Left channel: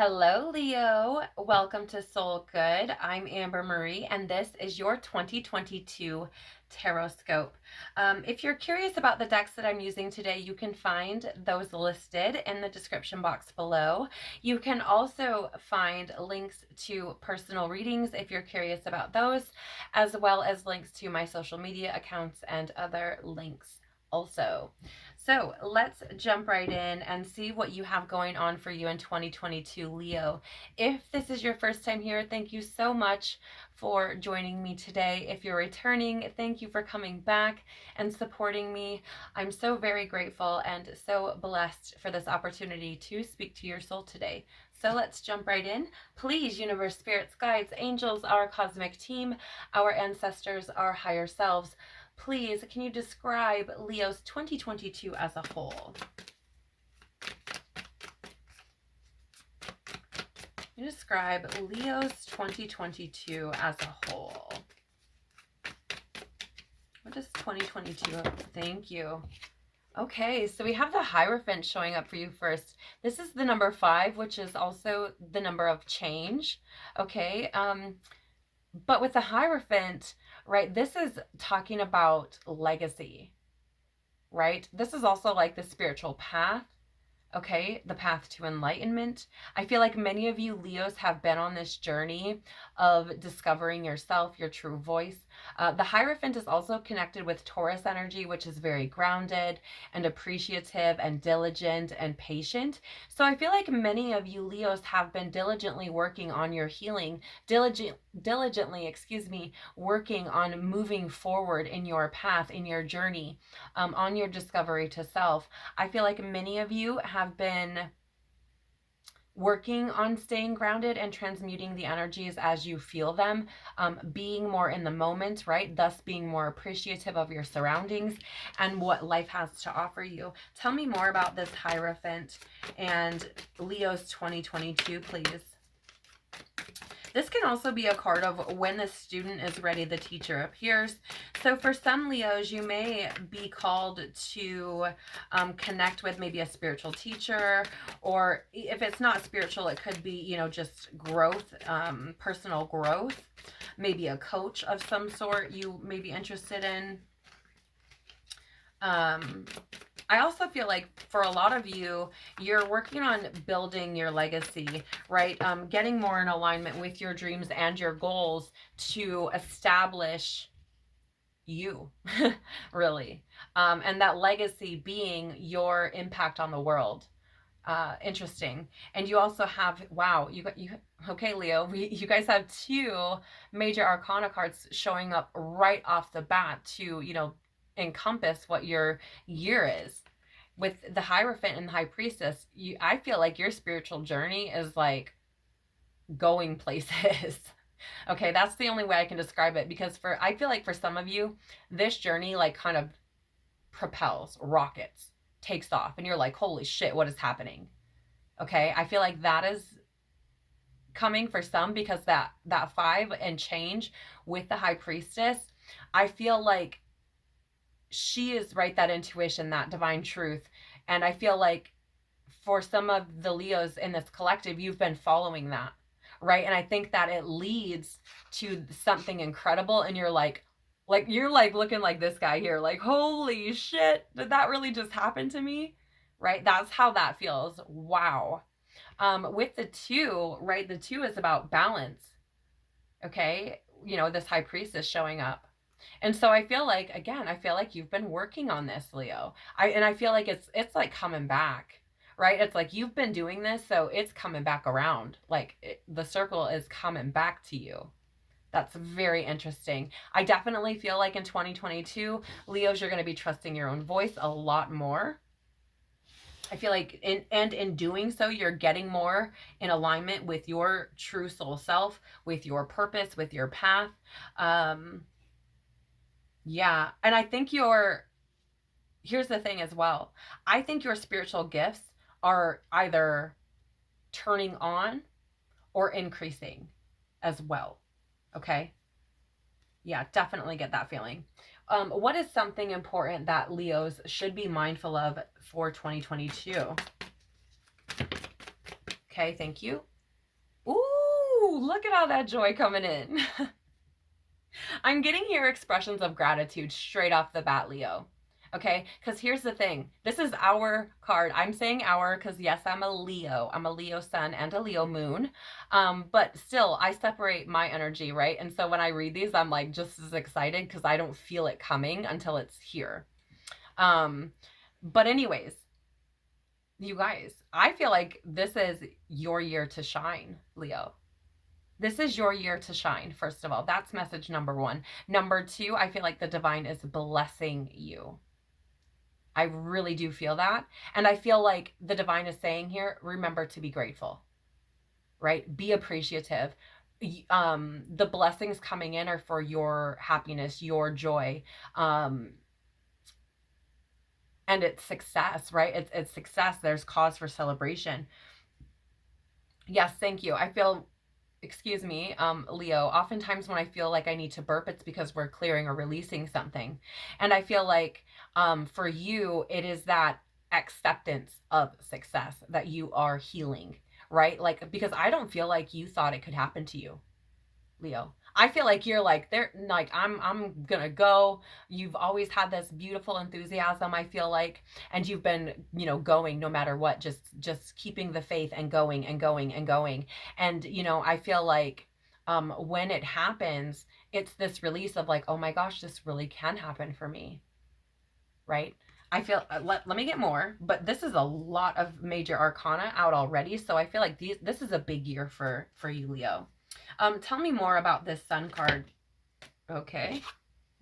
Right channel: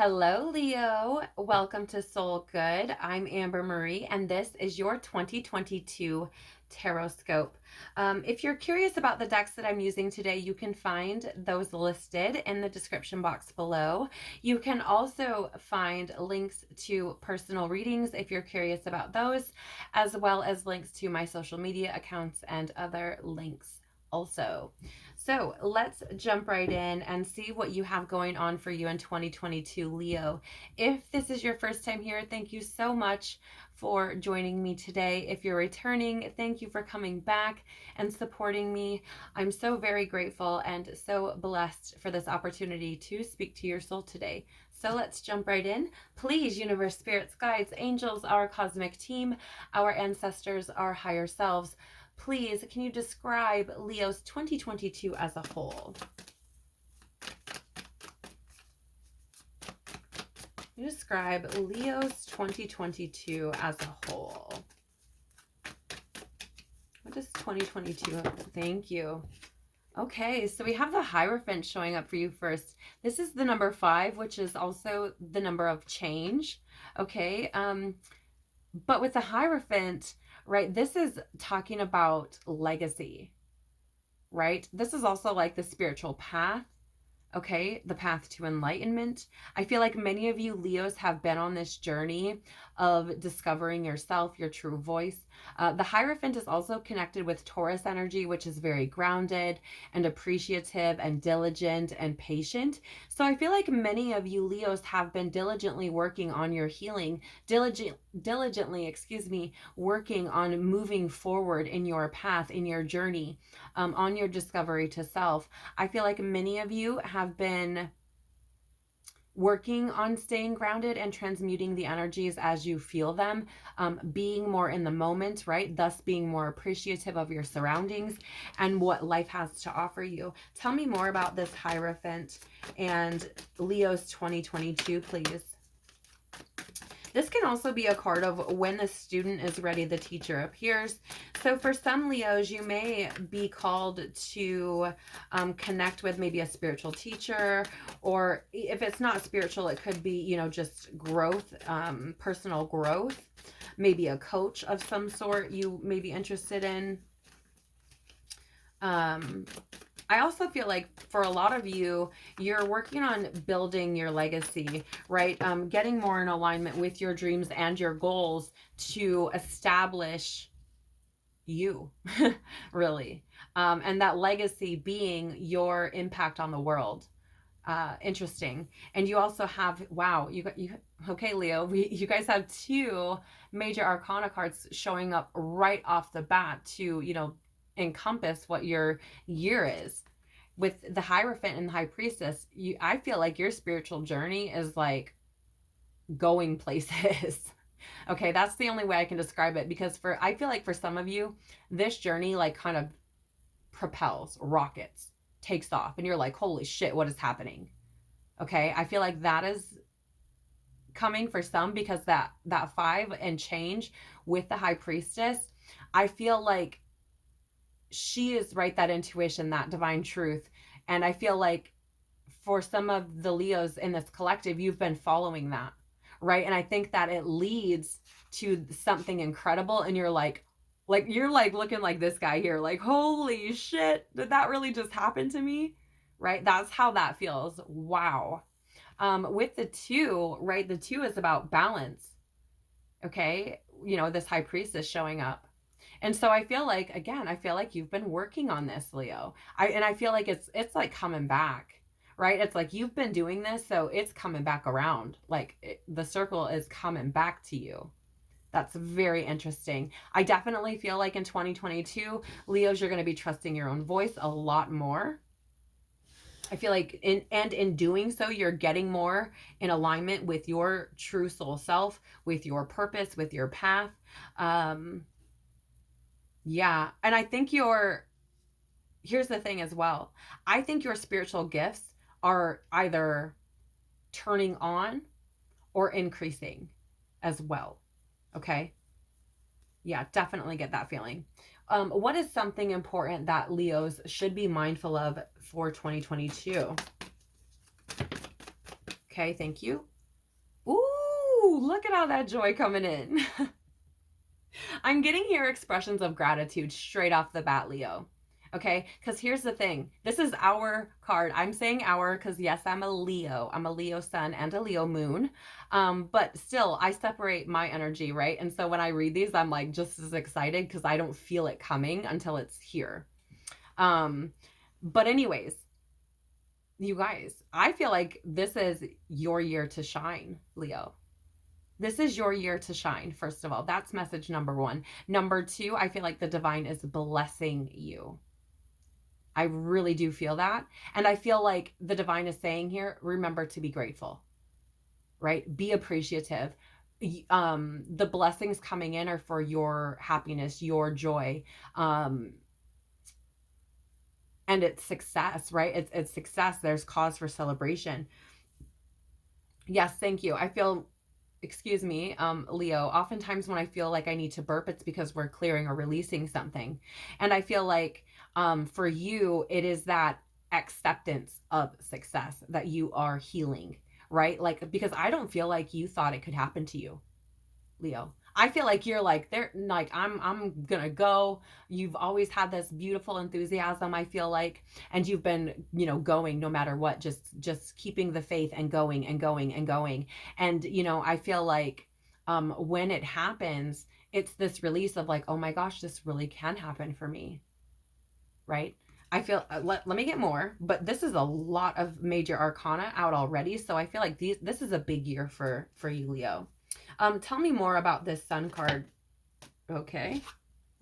Hello, Leo. Welcome to Soul Good. I'm Amber Marie, and this is your 2022 Tarotscope. If you're curious about the decks that I'm using today, you can find those listed in the description box below. You can also find links to personal readings if you're curious about those, as well as links to my social media accounts and other links also. So let's jump right in and see what you have going on for you in 2022, Leo. If this is your first time here, thank you so much for joining me today. If you're returning, thank you for coming back and supporting me. I'm so very grateful and so blessed for this opportunity to speak to your soul today. So let's jump right in. Please, universe, spirits, guides, angels, our cosmic team, our ancestors, our higher selves, please, can you describe Leo's 2022 as a whole? Describe Leo's 2022 as a whole. What does 2022? Thank you. Okay, so we have the Hierophant showing up for you first. This is the number 5, which is also the number of change. Okay, but with the Hierophant, right, this is talking about legacy, right? This is also like the spiritual path, okay? The path to enlightenment. I feel like many of you Leos have been on this journey of discovering yourself, your true voice. The Hierophant is also connected with Taurus energy, which is very grounded and appreciative and diligent and patient. So I feel like many of you Leos have been diligently working on your healing, diligently, working on moving forward in your path, in your journey, on your discovery to self. I feel like many of you have been working on staying grounded and transmuting the energies as you feel them, being more in the moment, right? Thus being more appreciative of your surroundings and what life has to offer you. Tell me more about this Hierophant and Leo's 2022, please. This can also be a card of when the student is ready, the teacher appears. So for some Leos, you may be called to connect with maybe a spiritual teacher, or if it's not spiritual, it could be, you know, just growth, personal growth, maybe a coach of some sort you may be interested in. I also feel like for a lot of you, you're working on building your legacy, right? Getting more in alignment with your dreams and your goals to establish you, really. And that legacy being your impact on the world. Interesting. And you also have, wow, okay, Leo, you guys have 2 major arcana cards showing up right off the bat to, you know, encompass what your year is. With the Hierophant and the High Priestess, I feel like your spiritual journey is like going places. Okay, that's the only way I can describe it, because I feel like for some of you, this journey like kind of propels, rockets, takes off, and you're like, holy shit, what is happening? Okay, I feel like that is coming for some, because that 5 and change with the High Priestess, I feel like she is right, that intuition, that divine truth. And I feel like for some of the Leos in this collective, you've been following that, right? And I think that it leads to something incredible, and you're like you're like looking like this guy here, like, holy shit, did that really just happen to me? Right? That's how that feels. Wow. With the 2, right? The 2 is about balance. Okay, you know, this High Priestess showing up. And so I feel like, again, I feel like you've been working on this, Leo. I feel like it's like coming back, right? It's like you've been doing this, so it's coming back around. Like the circle is coming back to you. That's very interesting. I definitely feel like in 2022, Leos, you're going to be trusting your own voice a lot more. I feel like in doing so, you're getting more in alignment with your true soul self, with your purpose, with your path. Yeah. And I think here's the thing as well. I think your spiritual gifts are either turning on or increasing as well. Okay. Yeah, definitely get that feeling. What is something important that Leos should be mindful of for 2022? Okay, thank you. Ooh, look at all that joy coming in. I'm getting here expressions of gratitude straight off the bat, Leo. Okay, because here's the thing. This is our card. I'm saying our because, yes, I'm a Leo. I'm a Leo sun and a Leo moon. But still, I separate my energy, right? And so when I read these, I'm like just as excited because I don't feel it coming until it's here. But anyways, you guys, I feel like this is your year to shine, Leo. This is your year to shine, first of all. That's message number one. Number two, I feel like the divine is blessing you. I really do feel that. And I feel like the divine is saying here, remember to be grateful, right? Be appreciative. The blessings coming in are for your happiness, your joy, and it's success, right? It's success. There's cause for celebration. Yes, thank you. I feel, excuse me, Leo, oftentimes when I feel like I need to burp, it's because we're clearing or releasing something. And I feel like for you, it is that acceptance of success that you are healing, right? Like, because I don't feel like you thought it could happen to you, Leo. I feel like you're like they're like I'm gonna go. You've always had this beautiful enthusiasm, I feel like, and you've been, going no matter what, just keeping the faith and going and going and going. And I feel like when it happens, it's this release of like, oh my gosh, this really can happen for me, right? I feel let me get more, but this is a lot of major arcana out already, so I feel like this is a big year for you, Leo. Tell me more about this sun card. Okay.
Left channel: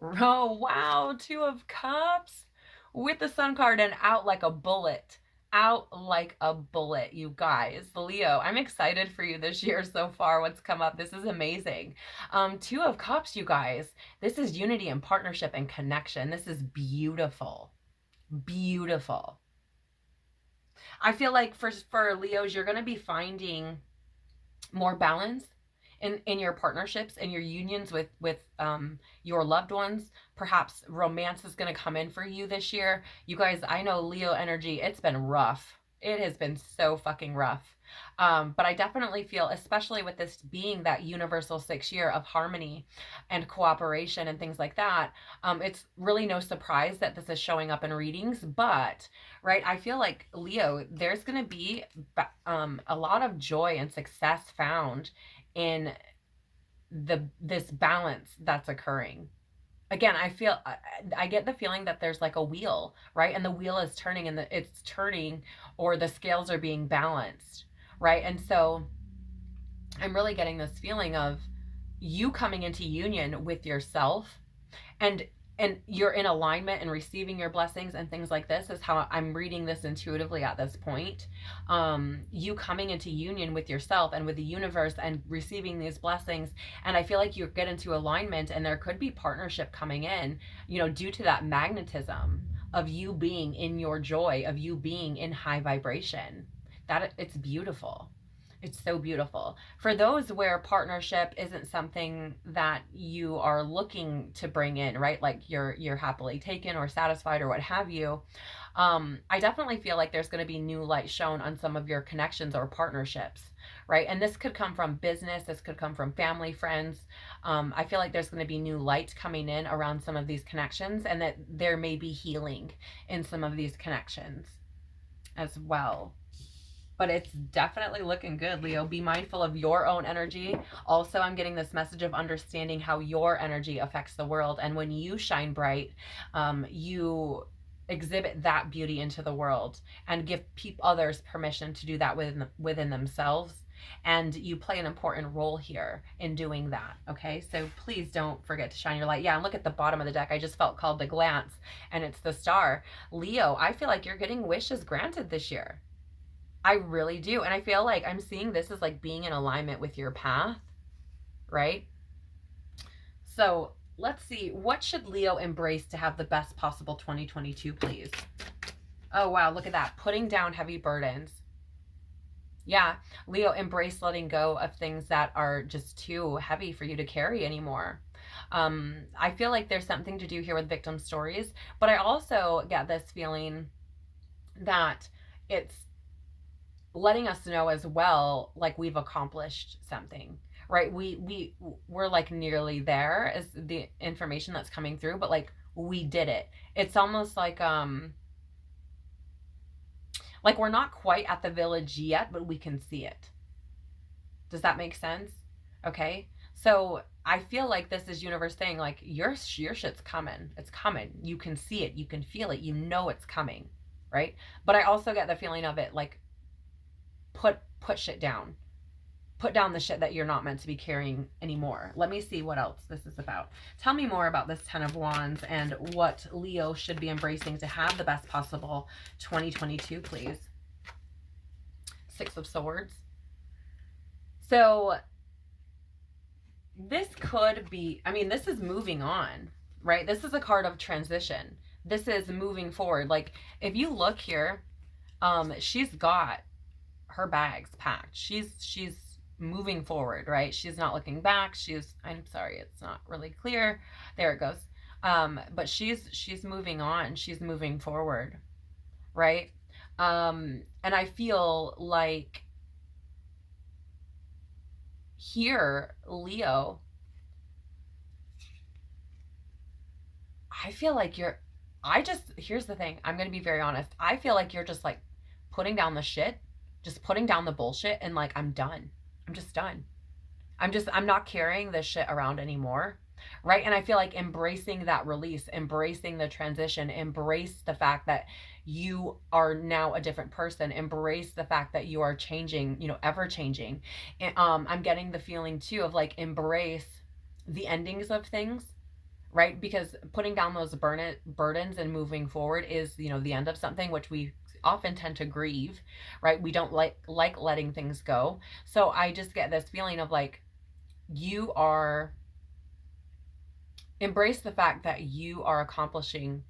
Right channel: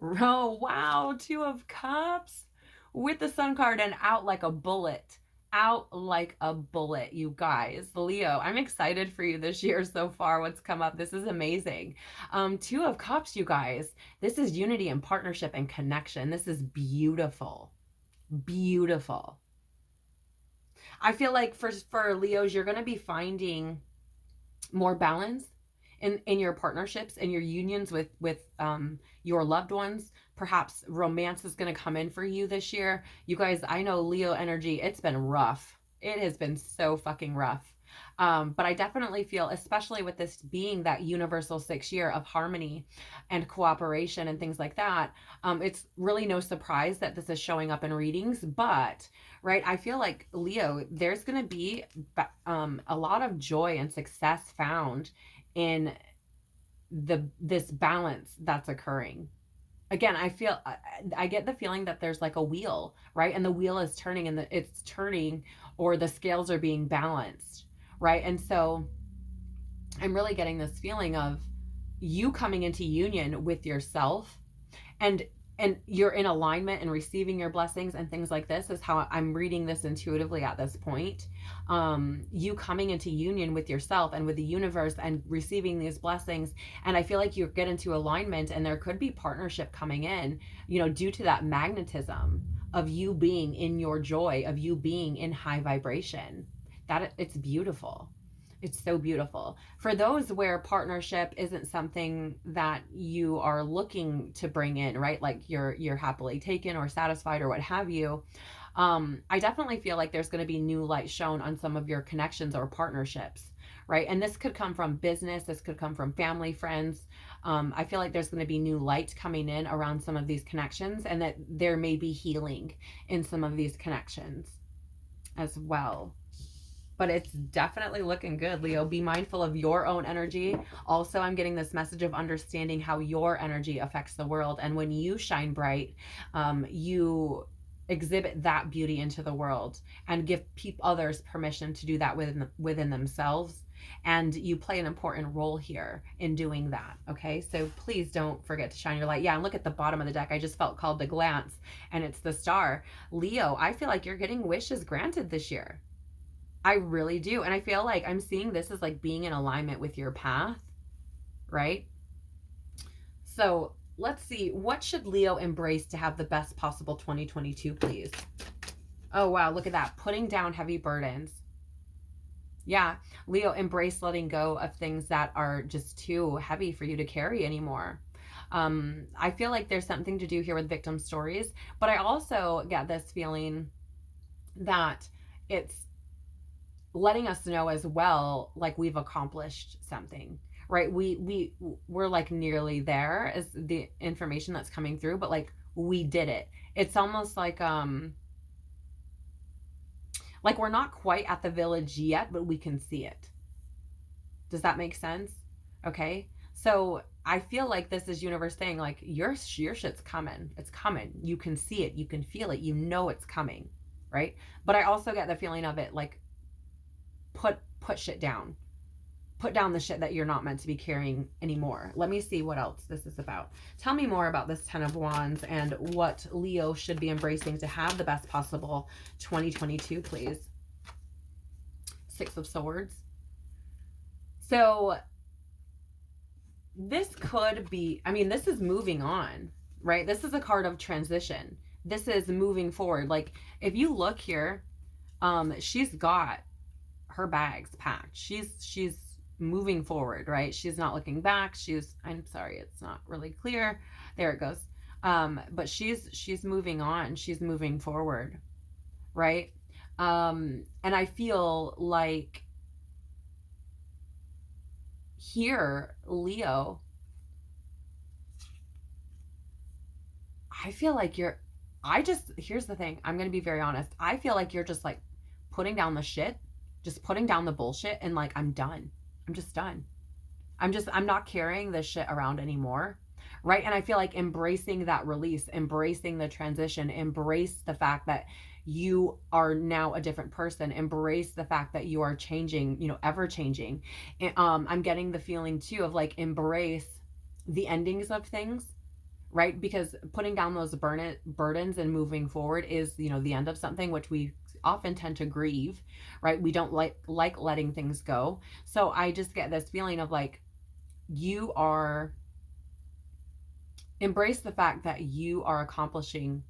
Oh, wow. Two of Cups with the sun card and out like a bullet. Out like a bullet, you guys. Leo, I'm excited for you this year so far. What's come up? This is amazing. Two of Cups, you guys. This is unity and partnership and connection. This is beautiful. Beautiful. I feel like for Leos, you're going to be finding more balance in your partnerships and your unions with your loved ones. Perhaps romance is going to come in for you this year. You guys, I know Leo energy, it's been rough. It has been so fucking rough. But I definitely feel, especially with this being that universal 6 year of harmony and cooperation and things like that, it's really no surprise that this is showing up in readings. But, right, I feel like, Leo, there's going to be a lot of joy and success found in this balance that's occurring. Again, I get the feeling that there's like a wheel, right? And the wheel is turning and it's turning, or the scales are being balanced, right? And so I'm really getting this feeling of you coming into union with yourself, and you're in alignment and receiving your blessings and things like this is how I'm reading this intuitively at this point. You coming into union with yourself and with the universe and receiving these blessings, and I feel like you get into alignment, and there could be partnership coming in, due to that magnetism of you being in your joy, of you being in high vibration. That it's beautiful. It's so beautiful. For those where partnership isn't something that you are looking to bring in, right? Like you're happily taken or satisfied or what have you. I definitely feel like there's going to be new light shown on some of your connections or partnerships, right? And this could come from business. This could come from family, friends. I feel like there's going to be new light coming in around some of these connections, and that there may be healing in some of these connections as well. But it's definitely looking good, Leo. Be mindful of your own energy. Also, I'm getting this message of understanding how your energy affects the world. And when you shine bright, you exhibit that beauty into the world and give others permission to do that within themselves. And you play an important role here in doing that. Okay, so please don't forget to shine your light. Yeah, and look at the bottom of the deck. I just felt called to glance, and it's the star. Leo, I feel like you're getting wishes granted this year. I really do. And I feel like I'm seeing this as like being in alignment with your path, right? So let's see. What should Leo embrace to have the best possible 2022, please? Oh, wow. Look at that. Putting down heavy burdens. Yeah. Leo, embrace letting go of things that are just too heavy for you to carry anymore. I feel like there's something to do here with victim stories, but I also get this feeling that it's letting us know as well, like we've accomplished something, right? We're like nearly there as the information that's coming through, but like we did it. It's almost like we're not quite at the village yet, but we can see it. Does that make sense? Okay. So I feel like this is universe saying like your shit's coming. It's coming. You can see it. You can feel it. You know it's coming, right? But I also get the feeling of it like put shit down. Put down the shit that you're not meant to be carrying anymore. Let me see what else this is about. Tell me more about this 10 of Wands and what Leo should be embracing to have the best possible 2022, please. 6 of Swords. So this could be, I mean, this is moving on, right? This is a card of transition. This is moving forward. Like if you look here, she's got her bags packed. She's moving forward, right? She's not looking back. I'm sorry, it's not really clear. There it goes. But she's moving on. She's moving forward, right? And I feel like here, Leo, I feel like here's the thing. I'm going to be very honest. I feel like you're just like putting down the shit, just putting down the bullshit and like, I'm done. I'm just done. I'm not carrying this shit around anymore. Right. And I feel like embracing that release, embracing the transition, embrace the fact that you are now a different person, embrace the fact that you are changing, ever changing. And, I'm getting the feeling too of like embrace the endings of things, right? Because putting down those burdens and moving forward is, the end of something, which we often tend to grieve, right? We don't like letting things go. So I just get this feeling of like you are embrace the fact that you are accomplishing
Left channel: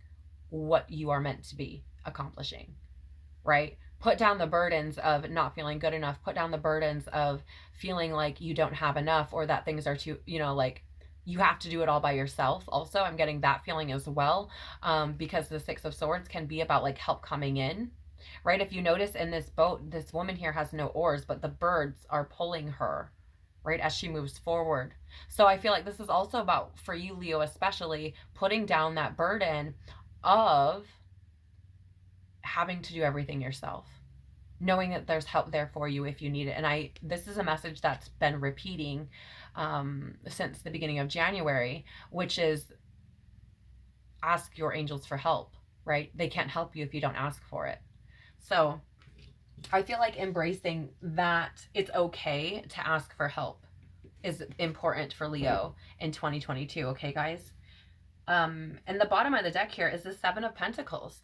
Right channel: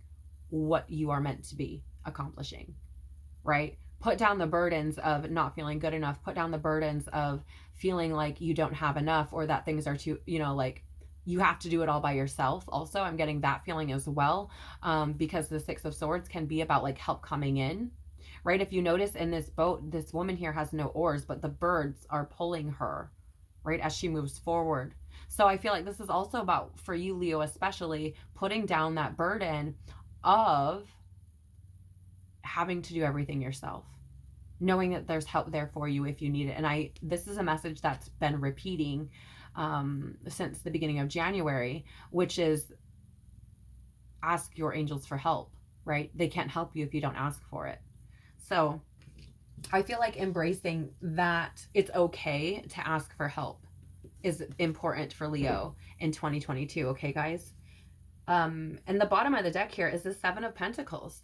what you are meant to be accomplishing, right? Put down the burdens of not feeling good enough, put down the burdens of feeling like you don't have enough or that things are too, like you have to do it all by yourself. Also, I'm getting that feeling as well, because the 6 of Swords can be about like help coming in, right? If you notice in this boat, this woman here has no oars, but the birds are pulling her, right, as she moves forward. So I feel like this is also about, for you, Leo, especially, putting down that burden of having to do everything yourself, knowing that there's help there for you if you need it. And this is a message that's been repeating since the beginning of January, which is ask your angels for help, right? They can't help you if you don't ask for it. So I feel like embracing that it's okay to ask for help is important for Leo in 2022. Okay, guys. And the bottom of the deck here is the 7 of Pentacles,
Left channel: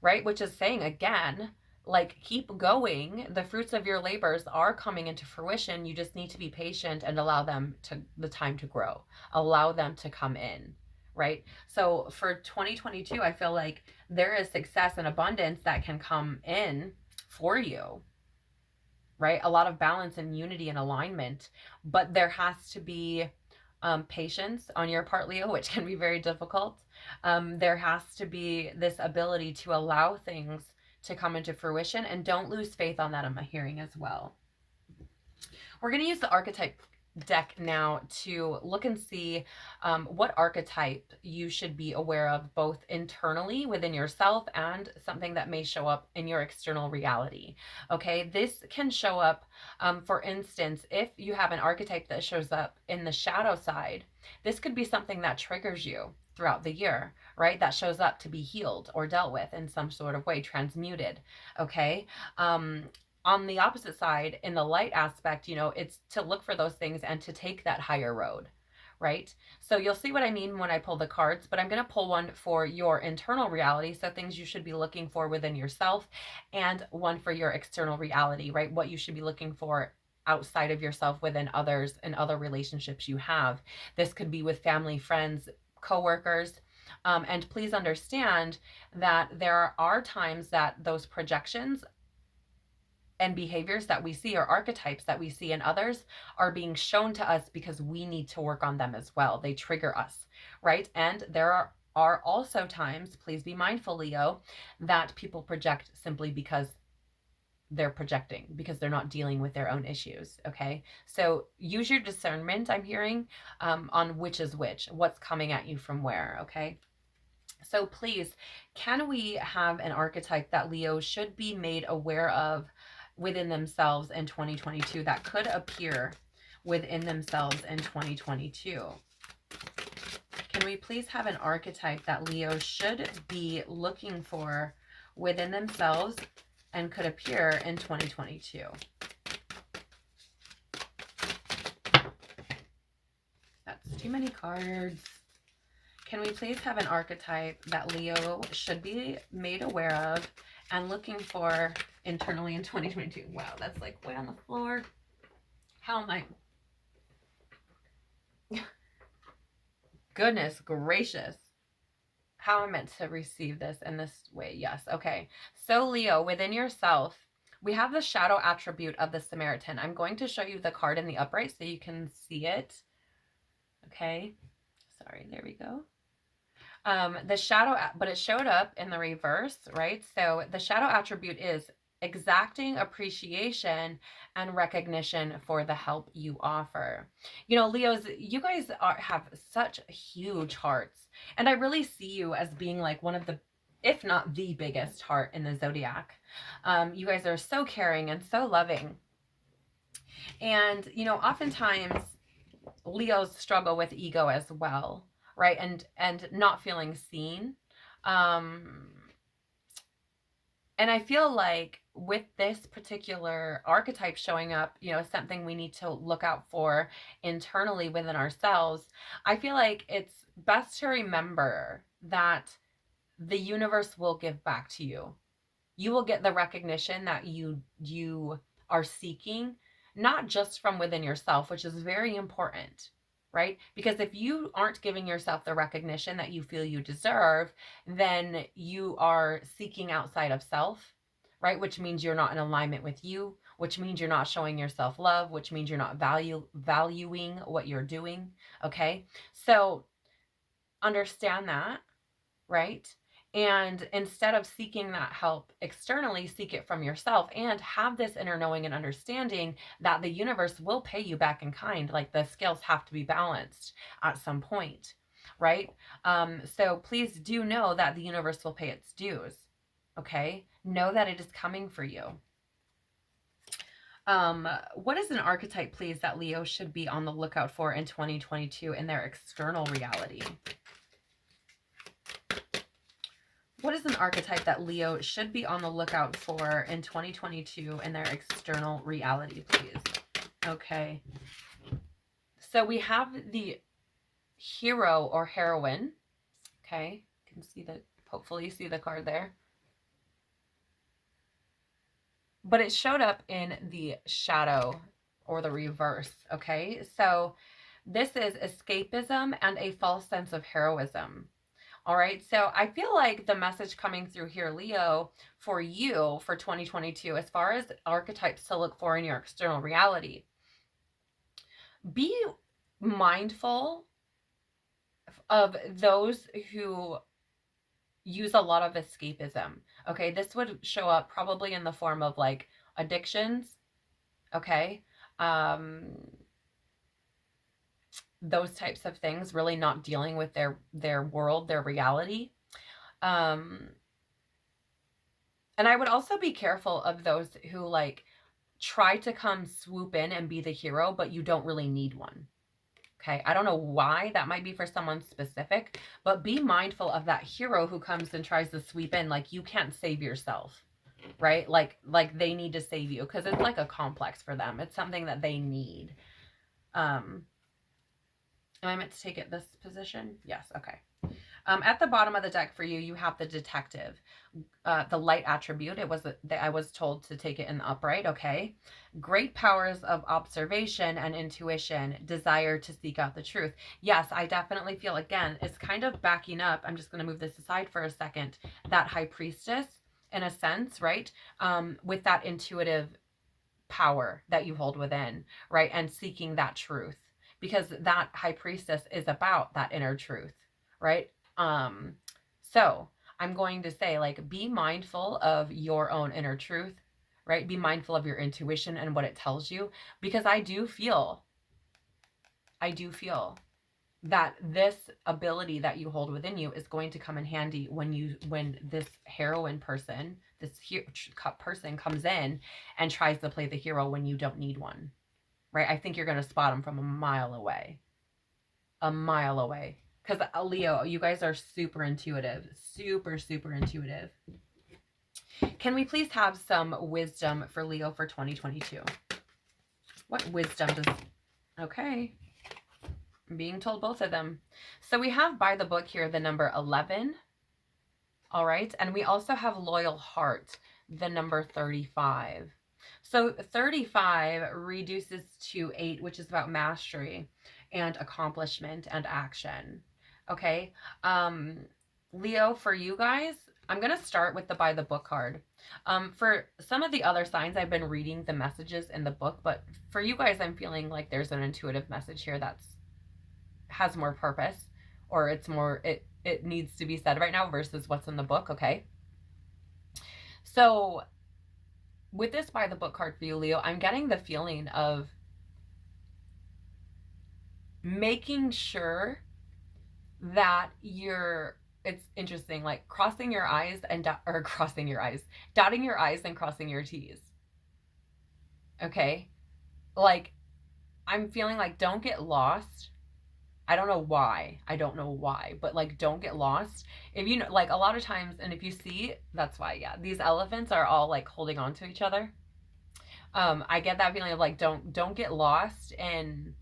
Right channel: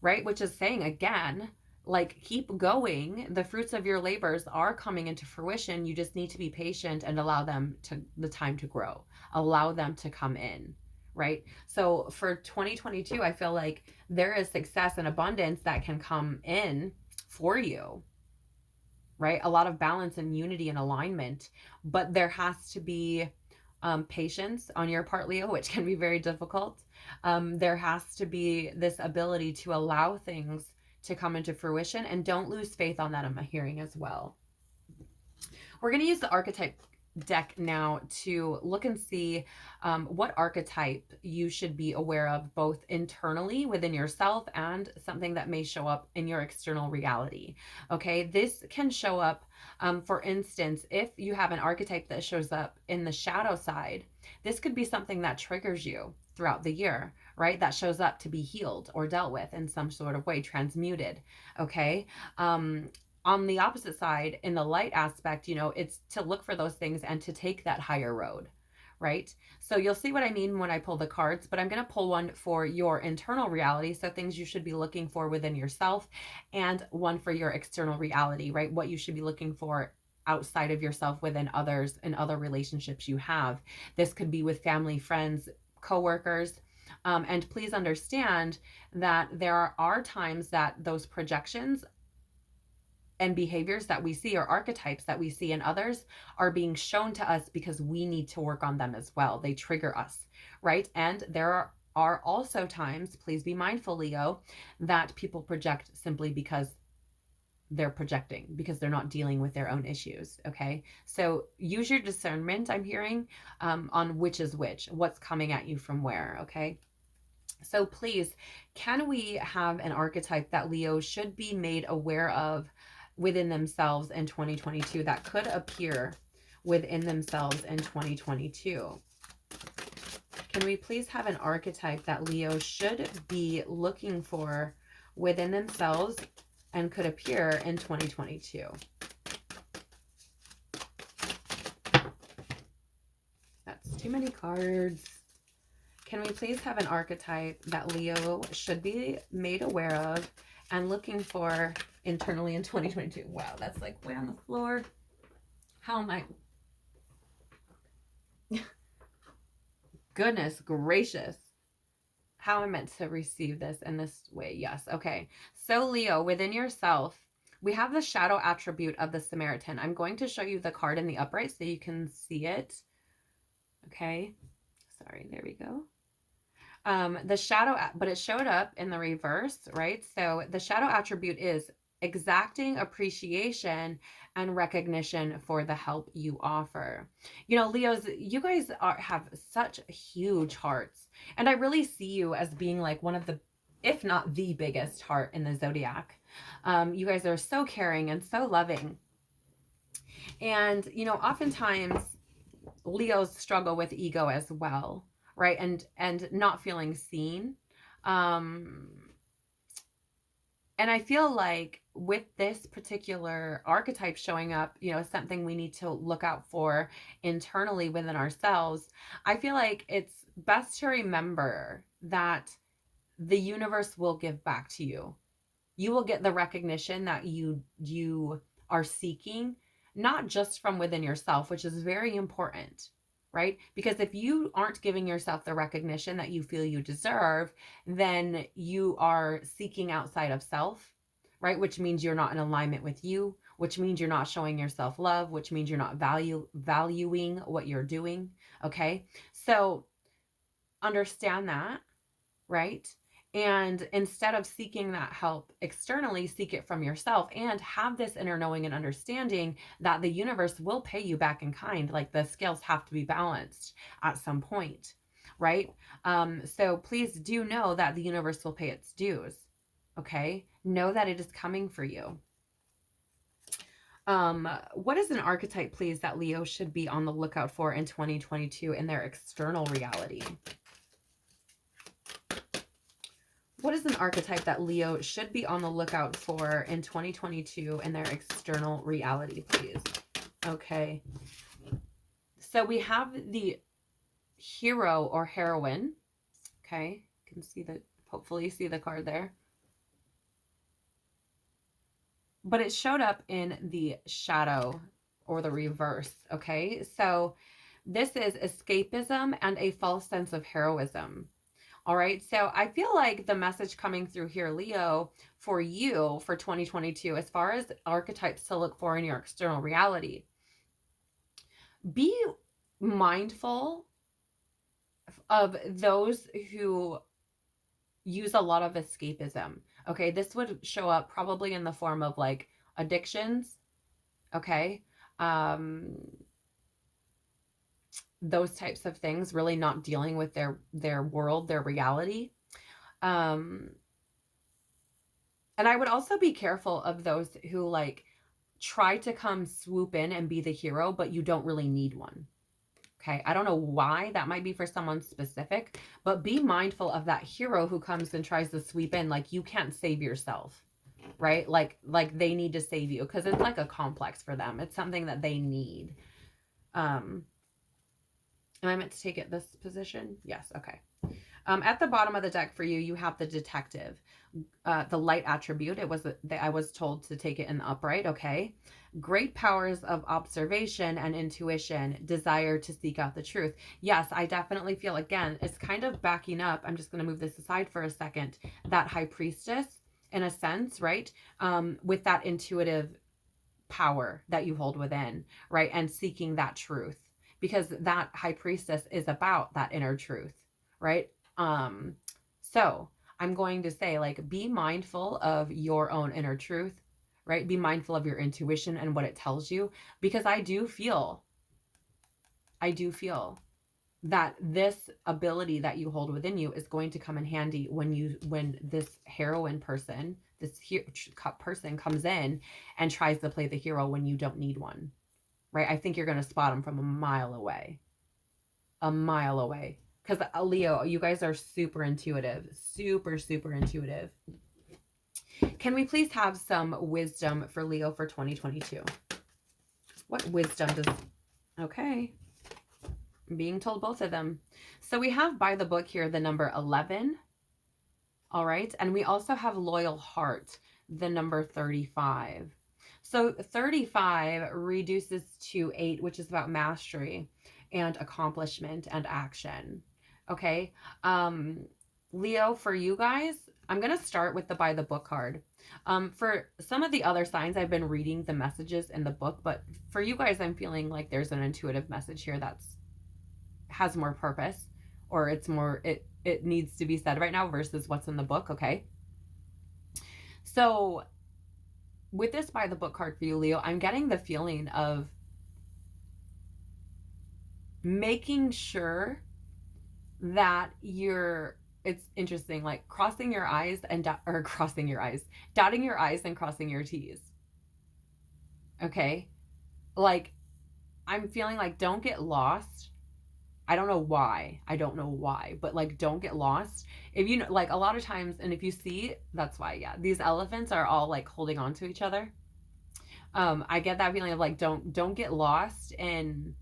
right? Which is saying again, like, keep going. The fruits of your labors are coming into fruition. You just need to be patient and allow them the time to grow, allow them to come in, right? So for 2022, I feel like there is success and abundance that can come in for you, right? A lot of balance and unity and alignment, but there has to be patience on your part, Leo, which can be very difficult. There has to be this ability to allow things to come into fruition, and don't lose faith on that. I'm hearing as well. We're going to use the archetype deck now to look and see what archetype you should be aware of, both internally within yourself and something that may show up in your external reality. Okay, this can show up, for instance, if you have an archetype that shows up in the shadow side, this could be something that triggers you throughout the year, right? That shows up to be healed or dealt with in some sort of way, transmuted. Okay. On the opposite side, in the light aspect, it's to look for those things and to take that higher road, right? So you'll see what I mean when I pull the cards, but I'm going to pull one for your internal reality. So things you should be looking for within yourself, and one for your external reality, right? What you should be looking for outside of yourself within others and other relationships you have. This could be with family, friends, coworkers. And please understand that there are times that those projections and behaviors that we see, or archetypes that we see in others, are being shown to us because we need to work on them as well. They trigger us, right? And there are also times, please be mindful, Leo, that people project simply because they're projecting because they're not dealing with their own issues. Okay. So use your discernment, I'm hearing, on which is which, what's coming at you from where. Okay. So please, can we have an archetype that Leo should be made aware of within themselves in 2022 that could appear within themselves in 2022? Can we please have an archetype that Leo should be looking for within themselves and could appear in 2022? That's too many cards. Can we please have an archetype that Leo should be made aware of and looking for internally in 2022? Wow, that's like way on the floor. How am I? Goodness gracious. How am I meant to receive this in this way? Yes. Okay. So Leo, within yourself, we have the shadow attribute of the Samaritan. I'm going to show you the card in the upright so you can see it. Okay. Sorry. There we go. The shadow, but it showed up in the reverse, right? So the shadow attribute is exacting appreciation and recognition for the help you offer. You know, Leos, you guys have such huge hearts, and I really see you as being like one of the, if not the biggest heart in the Zodiac. You guys are so caring and so loving. And, you know, oftentimes Leos struggle with ego as well, right? And not feeling seen. And I feel like with this particular archetype showing up, you know, something we need to look out for internally within ourselves, I feel like it's best to remember that the universe will give back to you. You will get the recognition that you are seeking, not just from within yourself, which is very important, right? Because if you aren't giving yourself the recognition that you feel you deserve, then you are seeking outside of self, right? Which means you're not in alignment with you, which means you're not showing yourself love, which means you're not valuing what you're doing. Okay. So understand that, right? And instead of seeking that help externally, seek it from yourself and have this inner knowing and understanding that the universe will pay you back in kind. Like the scales have to be balanced at some point, right? So please do know that the universe will pay its dues. Okay. Know that it is coming for you. What is an archetype, please, that Leo should be on the lookout for in 2022 in their external reality? What is an archetype that Leo should be on the lookout for in 2022 in their external reality, please? Okay. So we have the hero or heroine. Okay. You can see the, hopefully you see the card there. But it showed up in the shadow or the reverse. Okay. So this is escapism and a false sense of heroism. All right. So I feel like the message coming through here, Leo, for you for 2022, as far as archetypes to look for in your external reality, be mindful of those who use a lot of escapism. Okay. This would show up probably in the form of like addictions. Okay. Those types of things, really not dealing with their world, their reality. And I would also be careful of those who like try to come swoop in and be the hero, but you don't really need one. Okay. I don't know why that might be for someone specific, but be mindful of that hero who comes and tries to sweep in. Like you can't save yourself, right? Like they need to save you because it's like a complex for them. It's something that they need. Am I meant to take it this position? Yes. Okay. At the bottom of the deck for you, you have the detective, the light attribute. I was told to take it in the upright. Okay. Great powers of observation and intuition, desire to seek out the truth. Yes, I definitely feel, again, it's kind of backing up. I'm just going to move this aside for a second. That high priestess, in a sense, right? With that intuitive power that you hold within, right? And seeking that truth. Because that high priestess is about that inner truth, right? So I'm going to say, like, be mindful of your own inner truth, right? Be mindful of your intuition and what it tells you, because I do feel that this ability that you hold within you is going to come in handy when this heroine person, person comes in and tries to play the hero when you don't need one, right? I think you're going to spot them from a mile away. A mile away. Because Leo, you guys are super intuitive. Super, super intuitive. Can we please have some wisdom for Leo for 2022? What wisdom does... Okay. I'm being told both of them. So we have by the book here the number 11. All right. And we also have loyal heart, the number 35. So 35 reduces to 8, which is about mastery and accomplishment and action. Okay. Leo, for you guys, I'm going to start with the by the book card. For some of the other signs, I've been reading the messages in the book, but for you guys, I'm feeling like there's an intuitive message here that's has more purpose, or it's more, it needs to be said right now versus what's in the book. Okay. So with this by the book card for you, Leo, I'm getting the feeling of making sure that it's interesting, like crossing your I's and crossing your I's, dotting your I's and crossing your T's. Okay. Like, I'm feeling like don't get lost. I don't know why, but like, don't get lost. If you know, like a lot of times, and if you see, that's why, yeah, these elephants are all like holding on to each other. I get that feeling of like, don't get lost in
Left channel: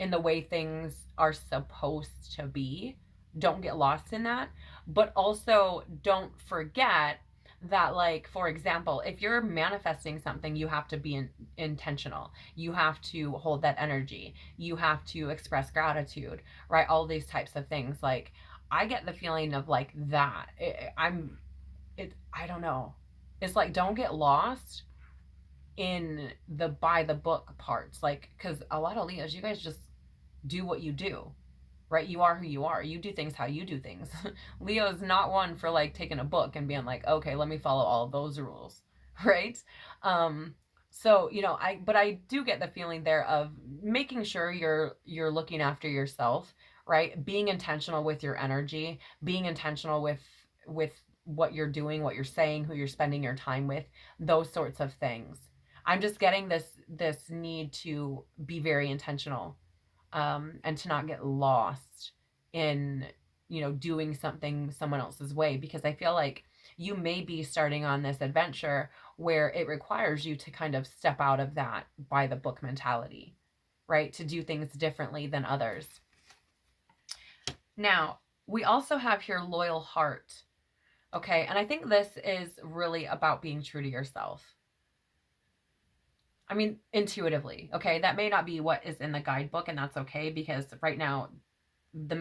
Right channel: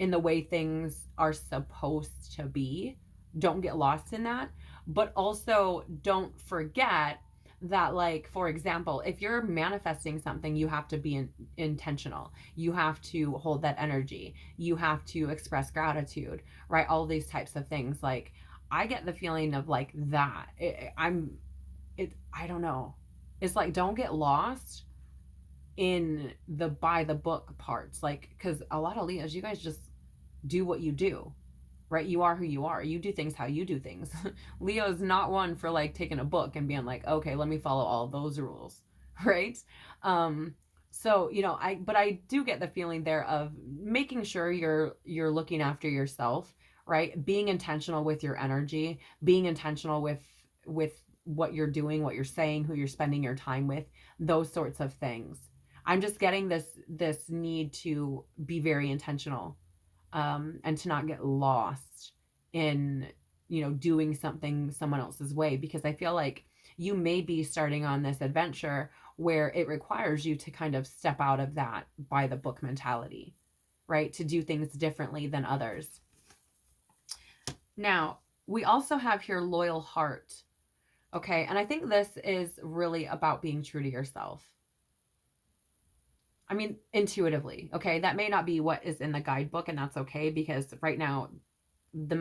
the way things are supposed to be. Don't get lost in that. But also don't forget that, like, for example, if you're manifesting something, you have to be intentional. You have to hold that energy. You have to express gratitude, right? All these types of things. Like, I get the feeling of like that. I don't know. It's like, don't get lost in the by the book parts. Like, because a lot of Leos, you guys just do what you do, right? You are who you are. You do things how you do things. Leo is not one for like taking a book and being like, okay, let me follow all those rules, right? So, you know, but I do get the feeling there of making sure you're looking after yourself, right? Being intentional with your energy, being intentional with what you're doing, what you're saying, who you're spending your time with, those sorts of things. I'm just getting this need to be very intentional, and to not get lost in, you know, doing something someone else's way, because I feel like you may be starting on this adventure where it requires you to kind of step out of that by the book mentality, right? To do things differently than others. Now, we also have here loyal heart. Okay. And I think this is really about being true to yourself. I mean, intuitively. Okay. That may not be what is in the guidebook, and that's okay, because right now the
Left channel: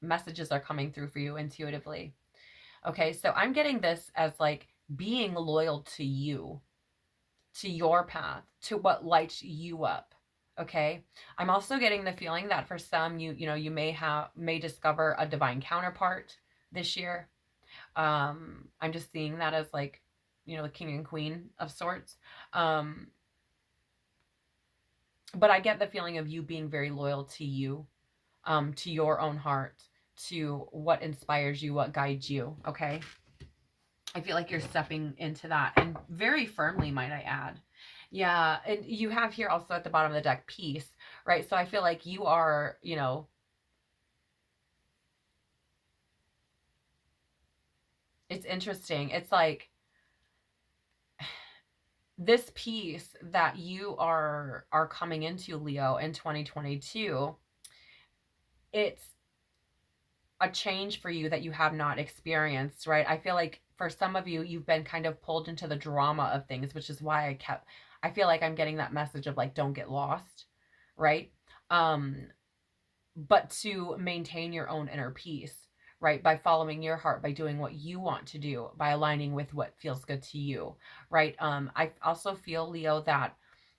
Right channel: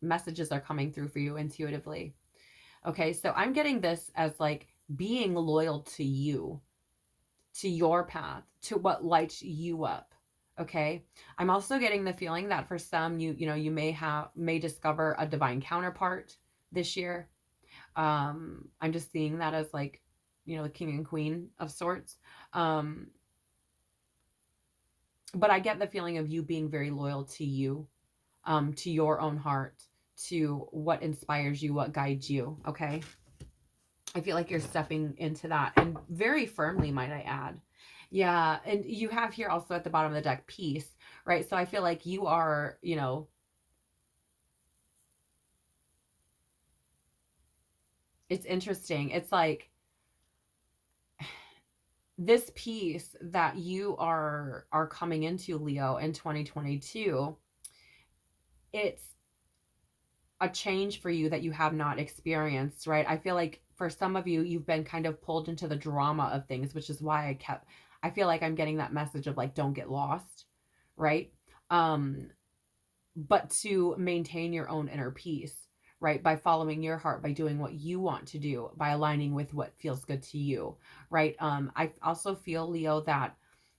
messages are coming through for you intuitively. Okay. So I'm getting this as like being loyal to you, to your path, to what lights you up. Okay. I'm also getting the feeling that for some, you know, you may discover a divine counterpart this year. I'm just seeing that as like, you know, the king and queen of sorts. But I get the feeling of you being very loyal to you, to your own heart, to what inspires you, what guides you. Okay. I feel like you're stepping into that, and very firmly, might I add. Yeah. And you have here also at the bottom of the deck, peace, right? So I feel like you are, you know, it's interesting. It's like this piece that you are coming into, Leo, in 2022, it's a change for you that you have not experienced, right? I feel like for some of you, you've been kind of pulled into the drama of things, which is why I feel like I'm getting that message of like, don't get lost, right? But to maintain your own inner peace, right? By following your heart, by doing what you want to do, by aligning with what feels good to you, right? I also feel, Leo, that,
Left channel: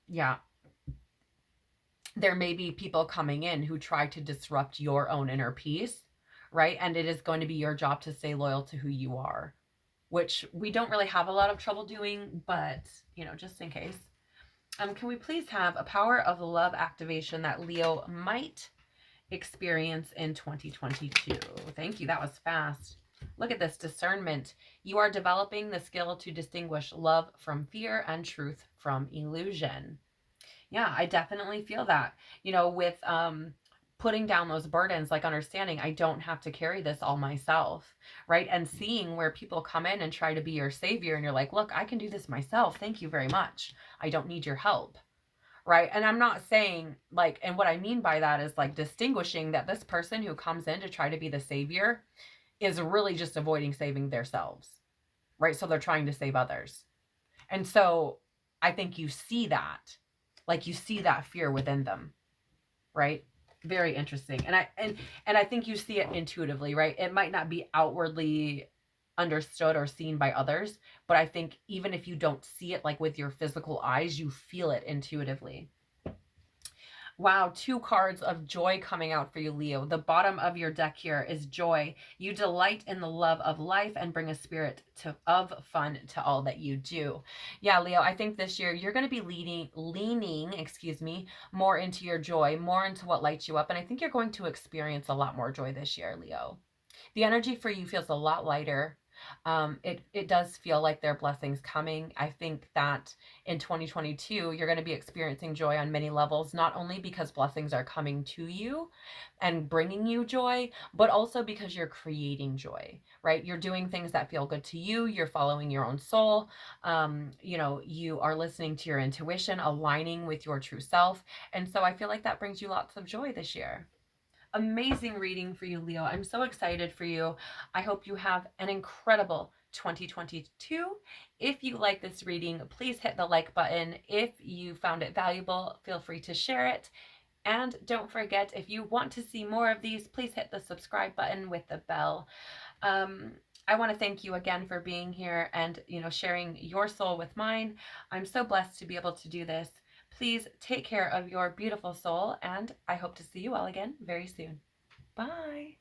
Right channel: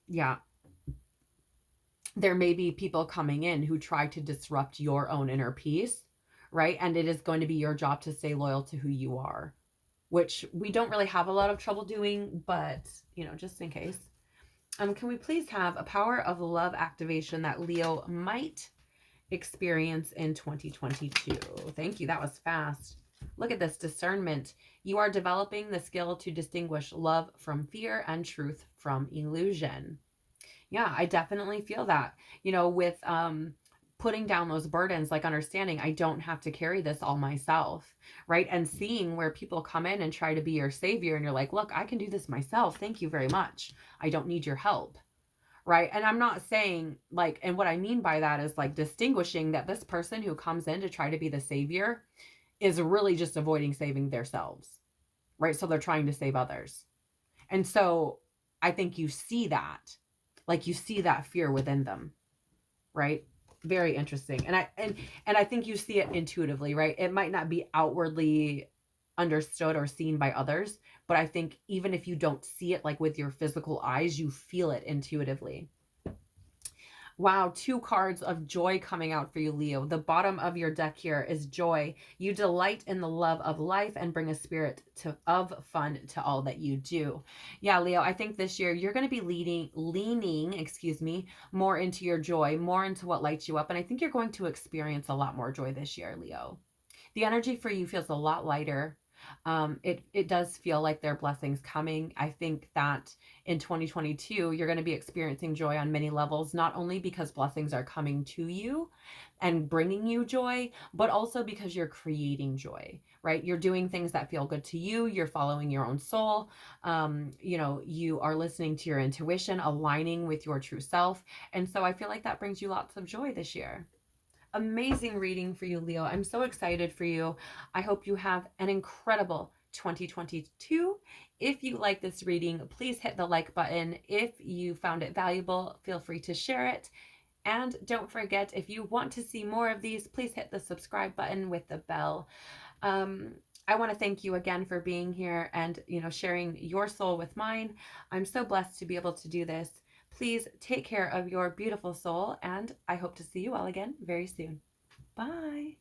yeah, there may be people coming in who try to disrupt your own inner peace, right? And it is going to be your job to stay loyal to who you are. which we don't really have a lot of trouble doing, but you know, just in case. Can we please have a power of love activation that Leo might experience in 2022? Thank you. That was fast. Look at this discernment. You are developing the skill to distinguish love from fear and truth from illusion. Yeah, I definitely feel that. You know, with putting down those burdens, like understanding I don't have to carry this all myself, right? And seeing where people come in and try to be your savior and you're like, "Look, I can do this myself. Thank you very much. I don't need your help." Right? And I'm not saying like, and what I mean by that is like distinguishing that this person who comes in to try to be the savior is really just avoiding saving themselves, right? So they're trying to save others. And so I think you see that, like you see that fear within them, right? Very interesting. And I think you see it intuitively, right? It might not be outwardly understood or seen by others, but I think even if you don't see it like with your physical eyes, you feel it intuitively. Wow, two cards of joy coming out for you, Leo. The bottom of your deck here is joy. You delight in the love of life and bring a spirit of fun to all that you do. Yeah, Leo, I think this year you're going to be leaning, more into your joy, more into what lights you up. And I think you're going to experience a lot more joy this year, Leo. The energy for you feels a lot lighter. It does feel like there are blessings coming. I think that in 2022, you're going to be experiencing joy on many levels, not only because blessings are coming to you and bringing you joy, but also because you're creating joy, right? You're doing things that feel good to you. You're following your own soul. You know, you are listening to your intuition, aligning with your true self. And so I feel like that brings you lots of joy this year. Amazing reading for you, Leo. I'm so excited for you. I hope you have an incredible 2022. If you like this reading, please hit the like button. If you found it valuable, feel free to share it. And don't forget, if you want to see more of these, please hit the subscribe button with the bell. I want to thank you again for being here and, you know, sharing your soul with mine. I'm so blessed to be able to do this. Please take care of your beautiful soul, and I hope to see you all again very soon. Bye.